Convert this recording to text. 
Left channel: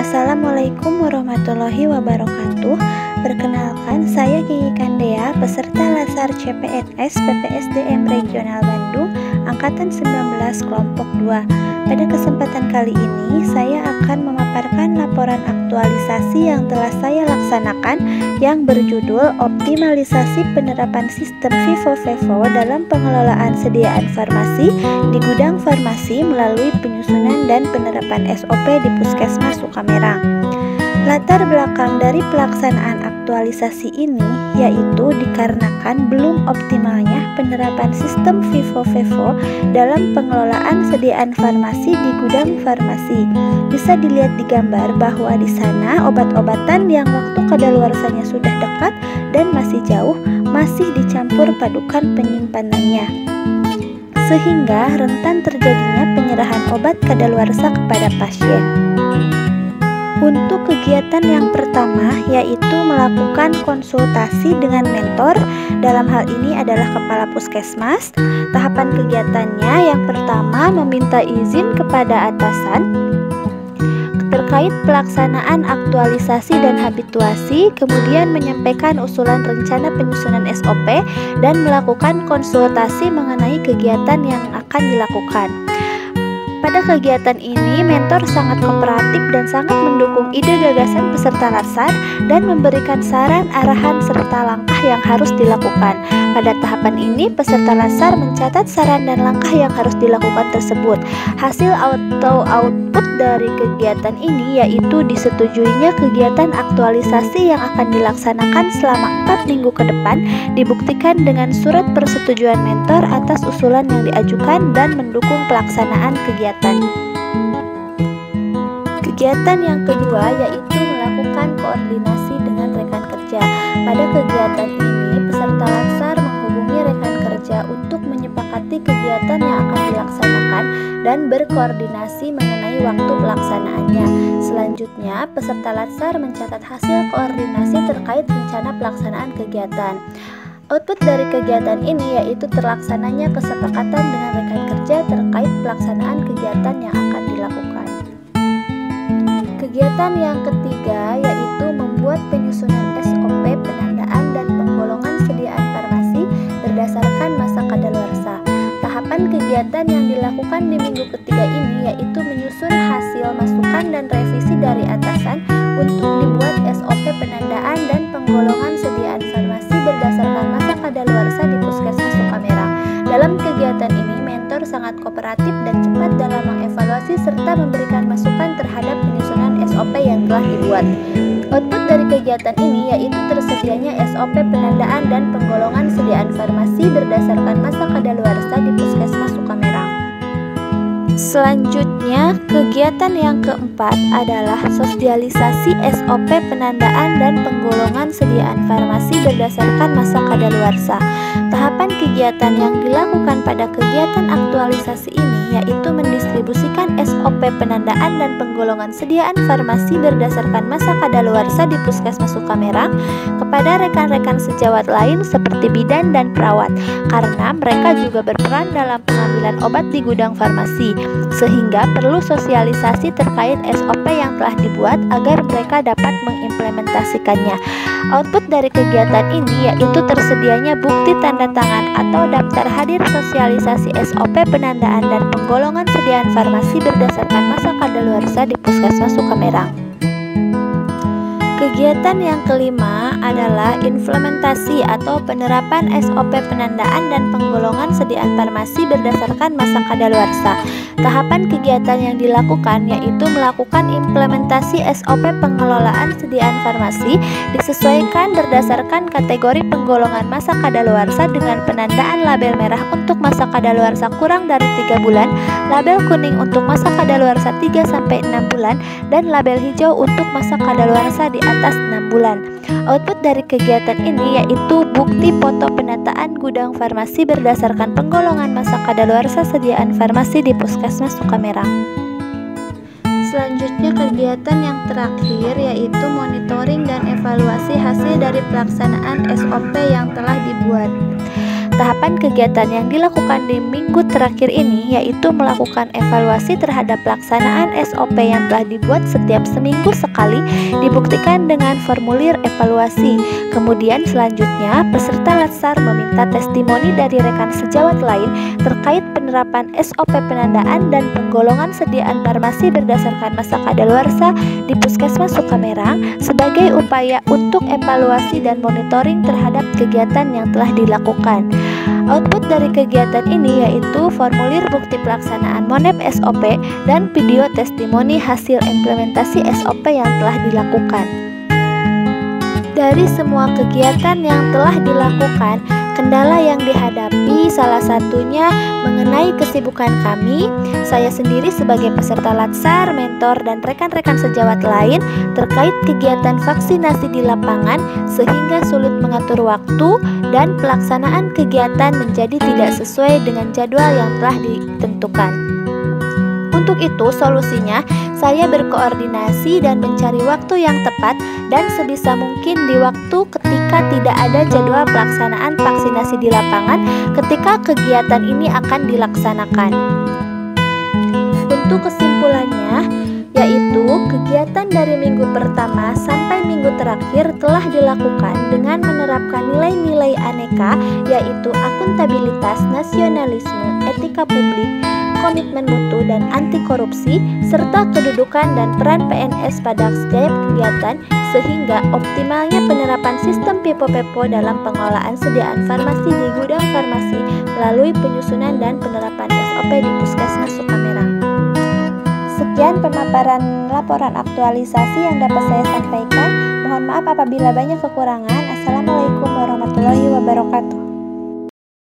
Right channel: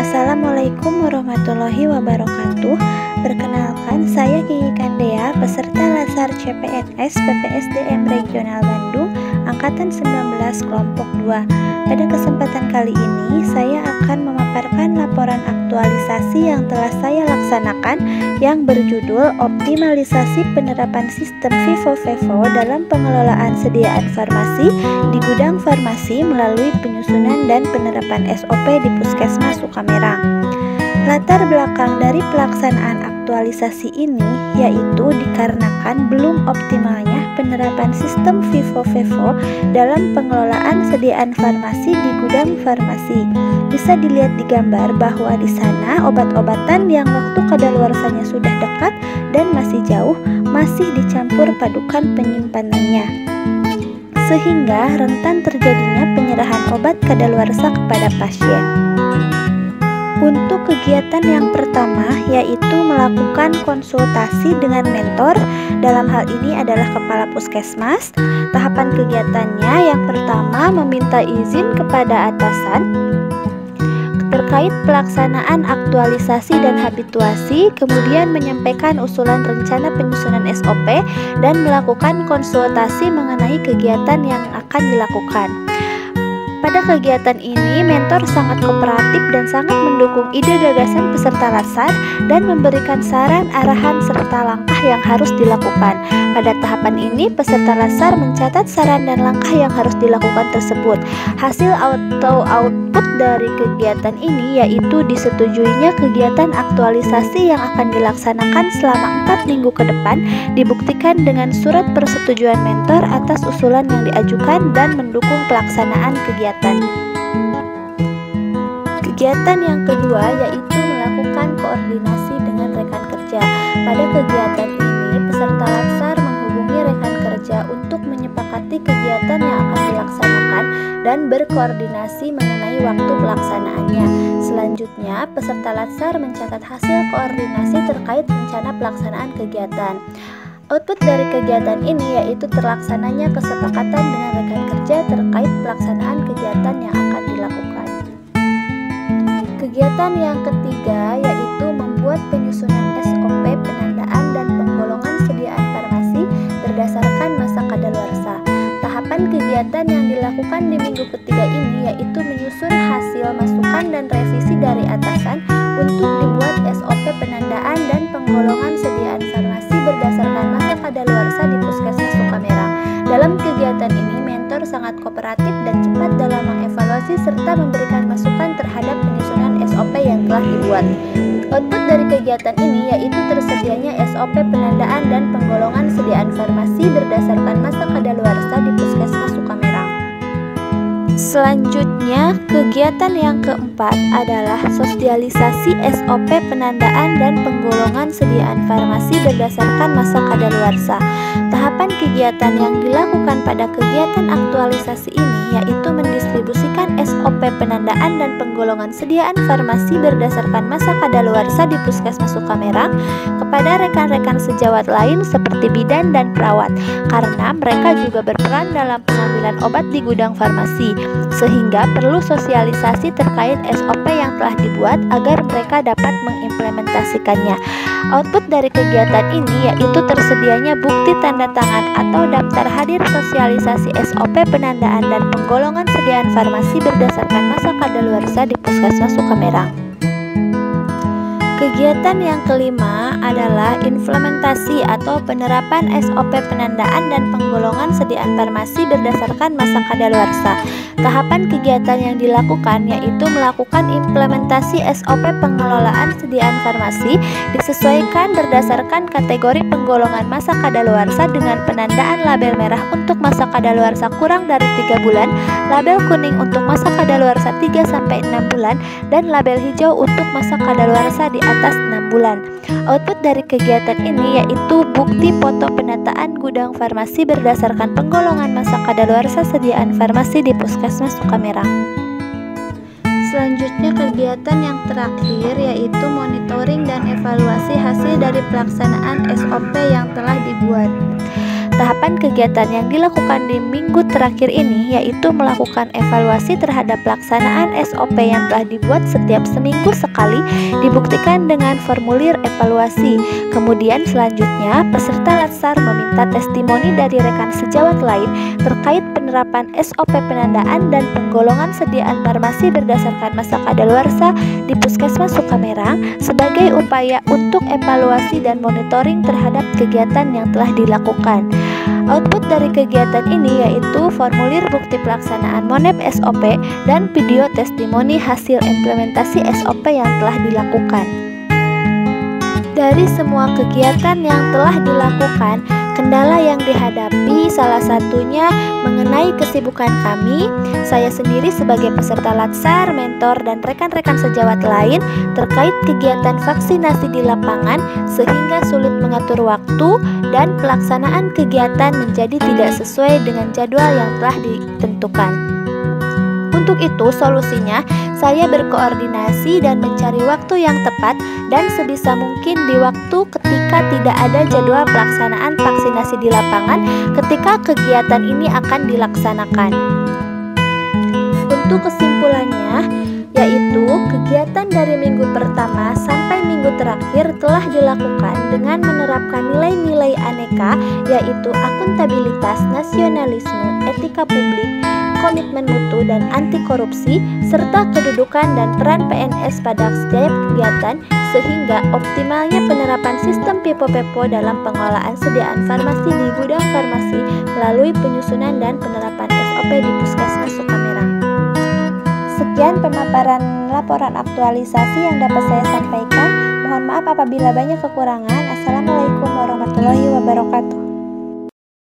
Assalamualaikum warahmatullahi wabarakatuh. Perkenalkan, saya Kiki Kandea, peserta Lasar CPNS PPSDM Regional Bandung, Angkatan 19 Kelompok 2. Pada kesempatan kali ini, saya akan memaparkan laporan aktualisasi yang telah saya laksanakan yang berjudul Optimalisasi Penerapan Sistem FIFO-FEFO dalam Pengelolaan Sediaan Farmasi di Gudang Farmasi melalui penyusunan dan penerapan SOP di Puskesmas Sukamerang. Latar belakang dari pelaksanaan aktualisasi ini yaitu dikarenakan belum optimalnya penerapan sistem FIFO-FEFO dalam pengelolaan sediaan farmasi di gudang farmasi. Bisa dilihat di gambar bahwa di sana obat-obatan yang waktu kadaluarsanya sudah dekat dan masih jauh masih dicampur padukan penyimpanannya, sehingga rentan terjadinya penyerahan obat kadaluarsa kepada pasien. Untuk kegiatan yang pertama yaitu melakukan konsultasi dengan mentor, dalam hal ini adalah kepala puskesmas. Tahapan kegiatannya yang pertama meminta izin kepada atasan terkait pelaksanaan aktualisasi dan habituasi, kemudian menyampaikan usulan rencana penyusunan SOP dan melakukan konsultasi mengenai kegiatan yang akan dilakukan. Pada kegiatan ini, mentor sangat kooperatif dan sangat mendukung ide gagasan peserta Lasar dan memberikan saran, arahan, serta langkah yang harus dilakukan. Pada tahapan ini, peserta Lasar mencatat saran dan langkah yang harus dilakukan tersebut. Hasil atau output dari kegiatan ini yaitu disetujuinya kegiatan aktualisasi yang akan dilaksanakan selama 4 minggu ke depan, dibuktikan dengan surat persetujuan mentor atas usulan yang diajukan dan mendukung pelaksanaan kegiatan. Kegiatan yang kedua yaitu melakukan koordinasi dengan rekan kerja. Pada kegiatan ini, peserta Lasar menghubungi rekan kerja untuk menyepakati kegiatan yang akan dilaksanakan dan berkoordinasi mengenai waktu pelaksanaannya. Selanjutnya, peserta Lasar mencatat hasil koordinasi terkait rencana pelaksanaan kegiatan. Output dari kegiatan ini yaitu terlaksananya kesepakatan dengan rekan kerja terkait pelaksanaan kegiatan yang akan dilakukan. Kegiatan yang ketiga yaitu membuat penyusunan SOP penandaan dan penggolongan sediaan farmasi berdasarkan masa kadaluarsa. Tahapan kegiatan yang dilakukan di minggu ketiga ini yaitu menyusun hasil masukan dan revisi dari atasan untuk dibuat SOP penandaan dan penggolongan sediaan farmasi berdasarkan masa kadaluarsa di Puskesmas Sukamerang. Dalam kegiatan ini, mentor sangat kooperatif dan cepat dalam mengevaluasi serta memberikan masukan terhadap penyusunan SOP yang telah dibuat. Output dari kegiatan ini yaitu tersedianya SOP penandaan dan penggolongan sediaan farmasi berdasarkan masa kadaluarsa di Puskesmas Sukamerang. Selanjutnya, kegiatan yang keempat adalah sosialisasi SOP penandaan dan penggolongan sediaan farmasi berdasarkan masa kadaluarsa. Tahapan kegiatan yang dilakukan pada kegiatan aktualisasi ini yaitu mendistribusikan SOP penandaan dan penggolongan sediaan farmasi berdasarkan masa kadaluarsa di Puskesmas Sukamerang kepada rekan-rekan sejawat lain seperti bidan dan perawat, karena mereka juga berperan dalam pengambilan obat di gudang farmasi, sehingga perlu sosialisasi terkait SOP yang telah dibuat agar mereka dapat mengimplementasikannya. Output dari kegiatan ini yaitu tersedianya bukti tanda tangan atau daftar hadir sosialisasi SOP penandaan dan penggolongan sediaan farmasi berdasarkan masa kadaluarsa di Puskesmas Sukamerang. Kegiatan yang kelima adalah implementasi atau penerapan SOP penandaan dan penggolongan sediaan farmasi berdasarkan masa kadaluarsa. Tahapan kegiatan yang dilakukan yaitu melakukan implementasi SOP pengelolaan sediaan farmasi disesuaikan berdasarkan kategori penggolongan masa kadaluarsa dengan penandaan label merah untuk masa kadaluarsa kurang dari 3 bulan, label kuning untuk masa kadaluarsa 3-6 bulan, dan label hijau untuk masa kadaluarsa di atas 6 bulan. Output dari kegiatan ini yaitu bukti foto penataan gudang farmasi berdasarkan penggolongan masa kadaluarsa sediaan farmasi di Puskesmas Sukamerang. Selanjutnya, kegiatan yang terakhir yaitu monitoring dan evaluasi hasil dari pelaksanaan SOP yang telah dibuat. tahapan kegiatan yang dilakukan di minggu terakhir ini yaitu melakukan evaluasi terhadap pelaksanaan SOP yang telah dibuat setiap seminggu sekali, dibuktikan dengan formulir evaluasi. Kemudian selanjutnya peserta latsar meminta testimoni dari rekan sejawat lain terkait penerapan SOP penandaan dan penggolongan sediaan farmasi berdasarkan masa kadaluarsa di Puskesmas Sukamerang sebagai upaya untuk evaluasi dan monitoring terhadap kegiatan yang telah dilakukan. Output dari kegiatan ini yaitu formulir bukti pelaksanaan MONEP SOP dan video testimoni hasil implementasi SOP yang telah dilakukan. Dari semua kegiatan yang telah dilakukan, kendala yang dihadapi salah satunya mengenai kesibukan kami. Saya sendiri sebagai peserta latsar, mentor, dan rekan-rekan sejawat lain terkait kegiatan vaksinasi di lapangan sehingga sulit mengatur waktu dan pelaksanaan kegiatan menjadi tidak sesuai dengan jadwal yang telah ditentukan. Untuk itu, solusinya saya berkoordinasi dan mencari waktu yang tepat dan sebisa mungkin di waktu ketika tidak ada jadwal pelaksanaan vaksinasi di lapangan ketika kegiatan ini akan dilaksanakan. Untuk kesimpulannya, yaitu kegiatan dari minggu pertama sampai minggu terakhir telah dilakukan dengan menerapkan nilai-nilai aneka, yaitu akuntabilitas, nasionalisme, etika publik, komitmen mutu dan anti korupsi, serta kedudukan dan peran PNS pada setiap kegiatan, sehingga optimalnya penerapan sistem PIPO-PEPO dalam pengelolaan sediaan farmasi di gudang farmasi melalui penyusunan dan penerapan SOP di Puskesmas Sukamerang. Sekian pemaparan laporan aktualisasi yang dapat saya sampaikan. Mohon maaf apabila banyak kekurangan. Assalamualaikum warahmatullahi wabarakatuh.